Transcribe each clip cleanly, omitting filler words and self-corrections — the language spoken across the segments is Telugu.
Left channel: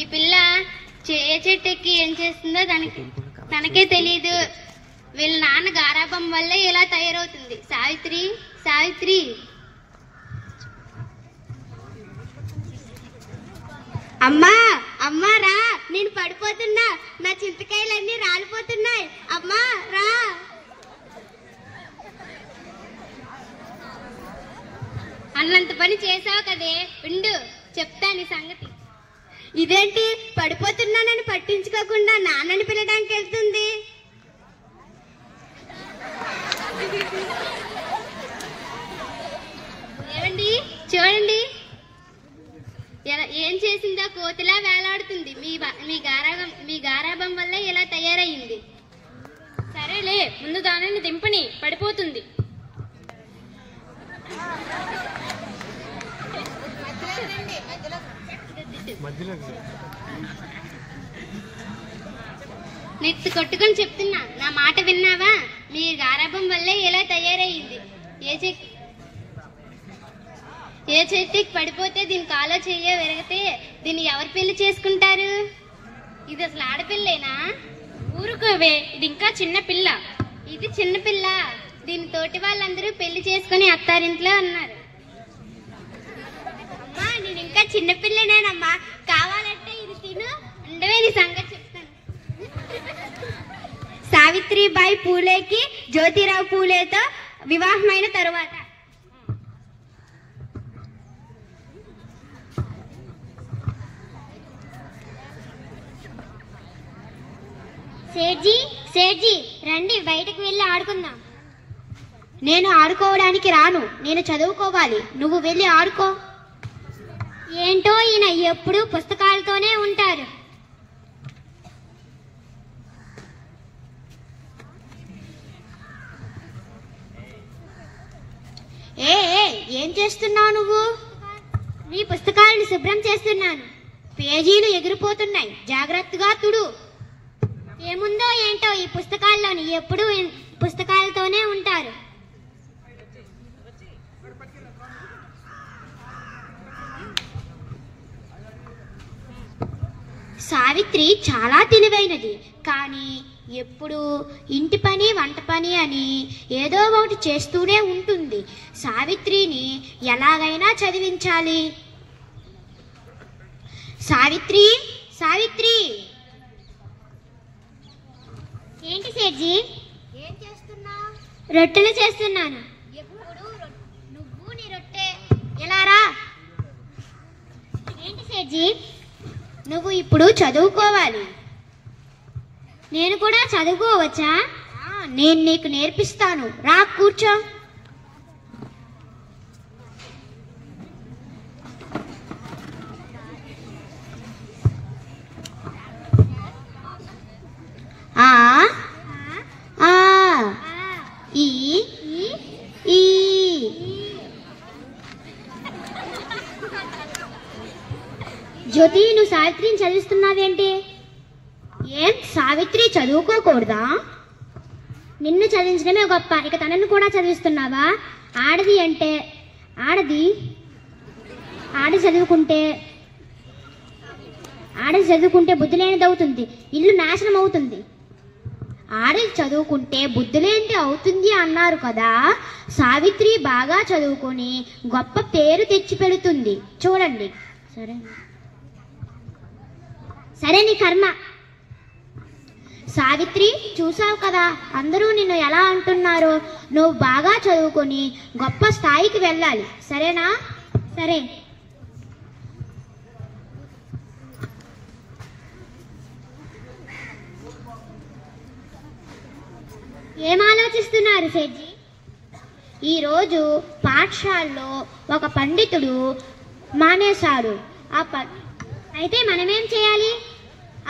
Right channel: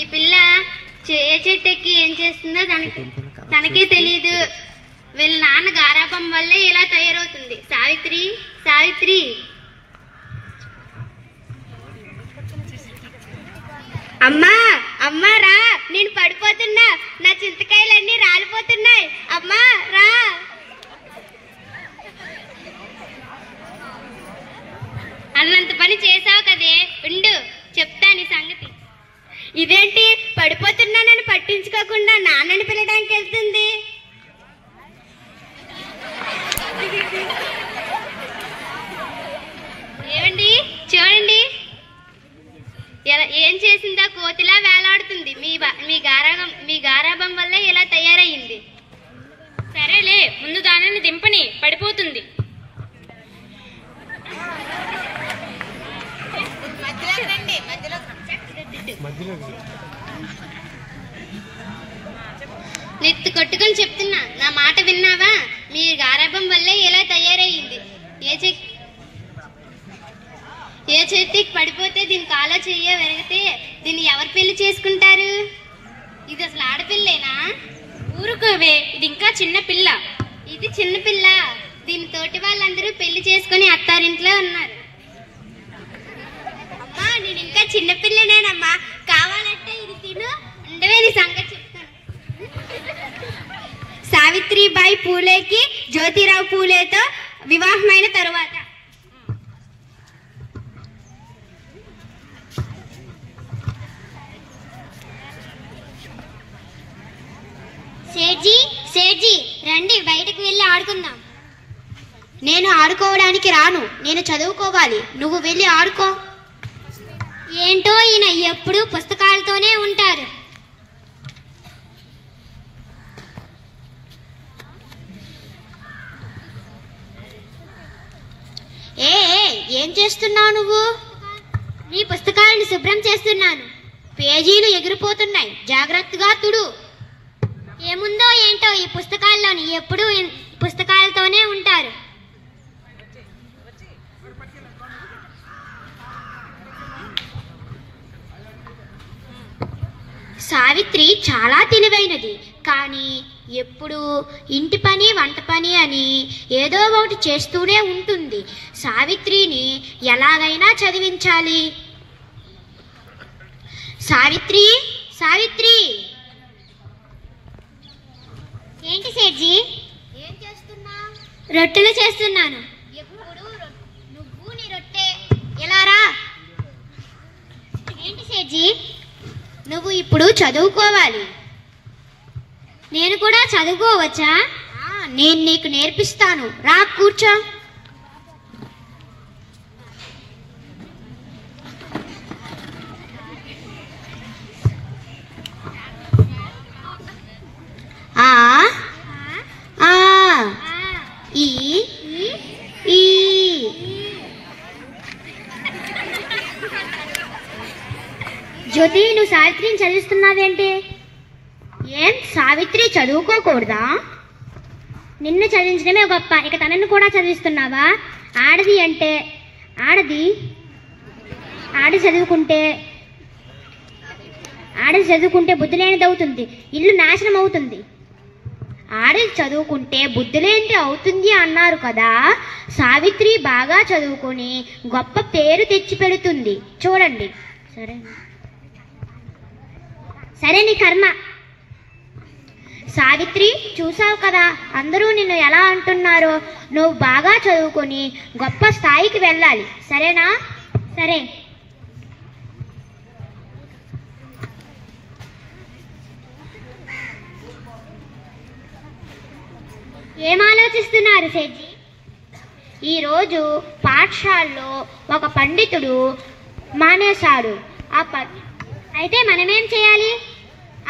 ఈ పిల్ల ఏ చెట్టు ఎక్కి ఏం చేస్తుందో తనకే తెలియదు. వీళ్ళ నాన్న గారాబం వల్లే ఇలా తయారవుతుంది. సావిత్రి, సావిత్రి, అమ్మా అమ్మా రా, నేను పడిపోతున్నా, నా చింతకాయలన్నీ రాలిపోతున్నాయి, అమ్మా రా. అన్నంత పని చేసావు కదే, ఉండు చెప్తా నీ సంగతి. ఇదేంటి పడిపోతున్నానని పట్టించుకోకుండా నాన్నని పిలడానికి వెళ్తుంది? ఏమండి చూడండి, ఏం చేసిందో కోతిలా వేలాడుతుంది. మీ గారాబం వల్ల ఇలా తయారయ్యింది. సరేలే, ముందు దానిని దింపని, పడిపోతుంది. నెత్తి కొట్టుకొని చెప్తున్నా, నా మాట విన్నావా? మీ గారాబం వల్లే ఇలా తయారయ్యింది. ఏ చెట్టుకి పడిపోతే దీని కాలో చెయ్య విరగితే దీన్ని ఎవరు పెళ్లి చేసుకుంటారు? ఇది అసలు ఆడపిల్లేనా? ఊరుకోవే, ఇది ఇంకా చిన్న పిల్ల. ఇది చిన్న పిల్ల, దీని తోటి వాళ్ళందరూ పెళ్లి చేసుకుని అత్తారింట్లో ఉన్నారు. అమ్మా నేను ఇంకా చిన్నపిల్లనేనమ్మా, కావాలంటే ఇది తిను, ఉండవే నీ సంగతి చెప్తాను. సావిత్రిబాయి పూలేకి జ్యోతిరావు పూలేతో వివాహమైన తరువాత సేఠ్జీ, సేఠ్జీ రండి బయటకు వెళ్ళి ఆడుకుందాం. నేను ఆడుకోవడానికి రాను, నేను చదువుకోవాలి, నువ్వు వెళ్ళి ఆడుకో. ఏంటో ఈయన ఎప్పుడు పుస్తకాలతోనే ఉంటారు. ఏం చేస్తున్నావు నువ్వు? నీ పుస్తకాలను శుభ్రం చేస్తున్నాను. పేజీలు ఎగిరిపోతున్నాయి, జాగ్రత్తగా తుడు. ఏముందో ఏంటో ఈ పుస్తకాల్లోని, ఎప్పుడూ పుస్తకాలతోనే ఉంటారు. సావిత్రి చాలా తెలివైనది, కానీ ఎప్పుడు ఇంటి పని వంట పని అని ఏదో ఒకటి చేస్తూనే ఉంటుంది. సావిత్రిని ఎలాగైనా చదివించాలి. సావిత్రి, సావిత్రి. ఏంటి సేఠ్జీ? ఏం చేస్తున్నావు? రొట్టెలు చేస్తున్నాను. ఎప్పుడు నువ్వు నీ రొట్టె ఎలా రా? ఏంటి సేఠ్జీ? నువ్వు ఇప్పుడు చదువుకోవాలి. నేను కూడా చదువుకోవచ్చా? నేను నీకు నేర్పిస్తాను, రా కూర్చో. జ్యోతి, నువ్వు సావిత్రిని చదివిస్తున్నావేంటి? ఏం సావిత్రి చదువుకోకూడదా? నిన్ను చదివించడమే గొప్ప, ఇక తనను కూడా చదివిస్తున్నావా? ఆడది అంటే ఆడది చదువుకుంటే బుద్ధి లేనిది అవుతుంది, ఇల్లు నాశనం అవుతుంది. ఆడది చదువుకుంటే బుద్ధి లేనిది అవుతుంది అన్నారు కదా. సావిత్రి బాగా చదువుకొని గొప్ప పేరు తెచ్చి పెడుతుంది, చూడండి. సరే నీ కర్మ. సావిత్రి, చూసావు కదా అందరూ నిన్ను ఎలా అంటున్నారో. నువ్వు బాగా చదువుకొని గొప్ప స్థాయికి వెళ్ళాలి, సరేనా? సరే. ఏం ఆలోచిస్తున్నారు సేఠ్జీ? ఈరోజు పాఠశాలలో ఒక పండితుడు మానేశాడు. అయితే మనమేం చేయాలి?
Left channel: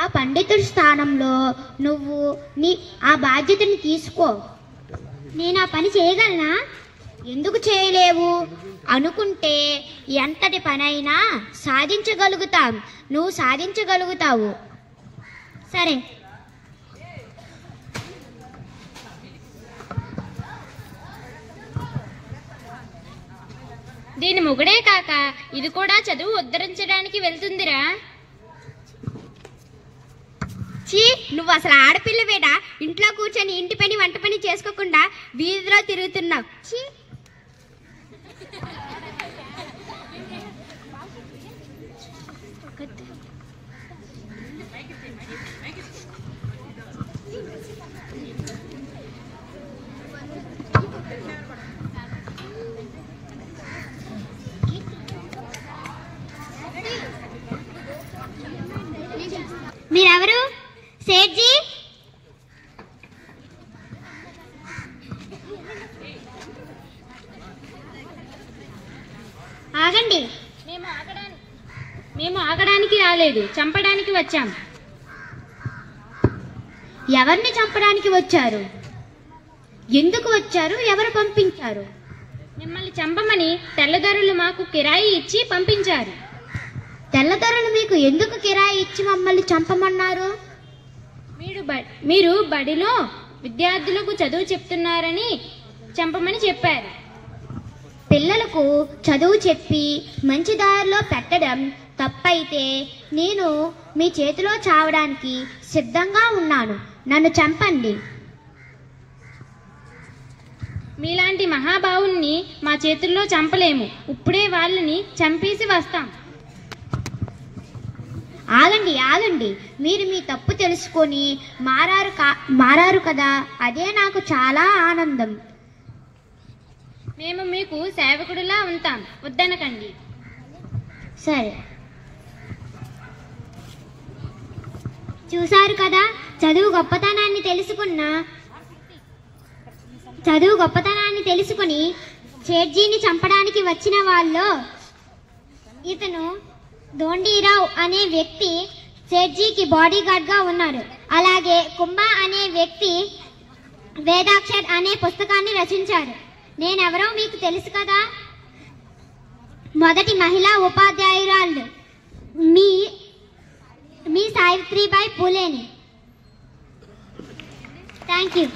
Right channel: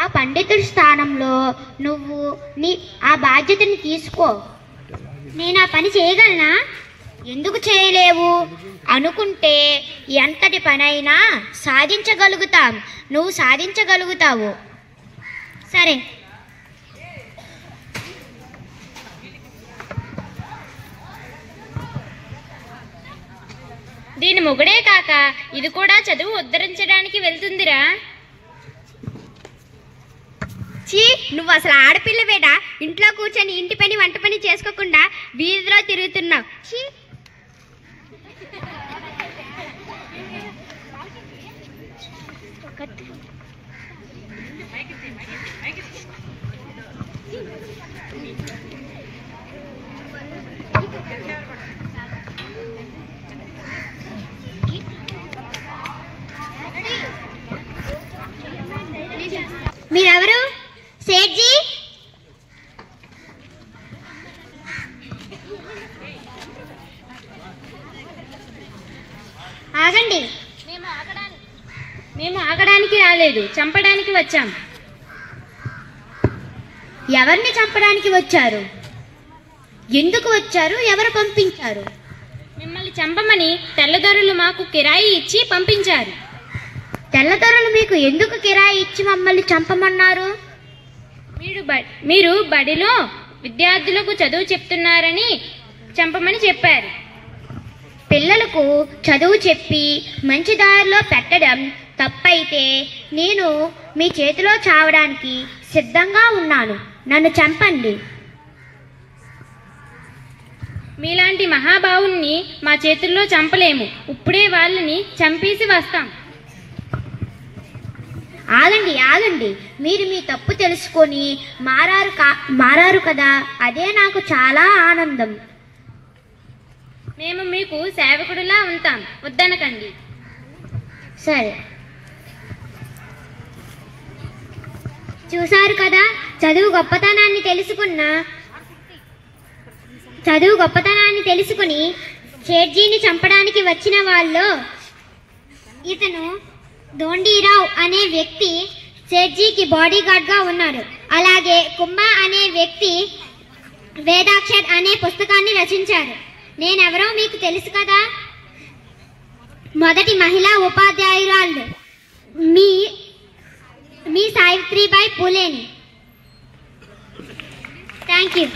ఆ పండితుడి స్థానంలో నువ్వు ఆ బాధ్యతని తీసుకో. నేను ఆ పని చేయగలనా? ఎందుకు చేయలేవు? అనుకుంటే ఎంతటి పనైనా సాధించగలుగుతాం. నువ్వు సాధించగలుగుతావు. సరే. దీని మొగుడే కాక ఇది కూడా చదువు ఉద్ధరించడానికి వెళ్తుందిరా. నువ్వు అసలు ఆడపిల్లవేడా? ఇంట్లో కూర్చొని ఇంటి పని వంట పని చేసుకోకుండా వీధిలో తిరుగుతున్నావు. మీరెవరు? సేట్జీ, ఆగండి. మేము ఆగడానికి రాలేదు, చంపడానికి వచ్చాం. ఎవరిని చంపడానికి వచ్చారు? ఎందుకు వచ్చారు? ఎవరు పంపించారు? మిమ్మల్ని చంపమని తెల్లదొరలు మాకు కిరాయి ఇచ్చి పంపించారు. తెల్లదొరలు మీకు ఎందుకు కిరాయి ఇచ్చి మమ్మల్ని చంపమన్నారు? మీరు బడిలో విద్యార్థులకు చదువు చెప్తున్నారని చంపమని చెప్పారు. పిల్లలకు చదువు చెప్పి మంచి దారిలో పెట్టడం తప్పైతే నేను మీ చేతిలో చావడానికి సిద్ధంగా ఉన్నాను. నన్ను చంపండి. మీలాంటి మహాభావుల్ని మా చేతుల్లో చంపలేము. ఇప్పుడే వాళ్ళని చంపేసి వస్తాం. ఆగండి, ఆగండి. మీరు మీ తప్పు తెలుసుకొని మారారు కదా, అదే నాకు చాలా ఆనందం. మేము మీకు సేవకుడిలా ఉంటాం, వద్దనకండి. సరే. చూశారు కదా, చదువు గొప్పతనాన్ని తెలుసుకుని సేట్జీని చంపడానికి వచ్చిన వాళ్ళు ఇతను దోండీరావు అనే వ్యక్తి సేట్జీకి బాడీ గార్డ్ గా ఉన్నాడు. అలాగే కుంభ అనే వ్యక్తి వేదాక్షర్ అనే పుస్తకాన్ని రచించారు. నేనెవరో మీకు తెలుసు కదా, మొదటి మహిళా ఉపాధ్యాయురాలు మీ సావిత్రిబాయి పూలేని. Thank you.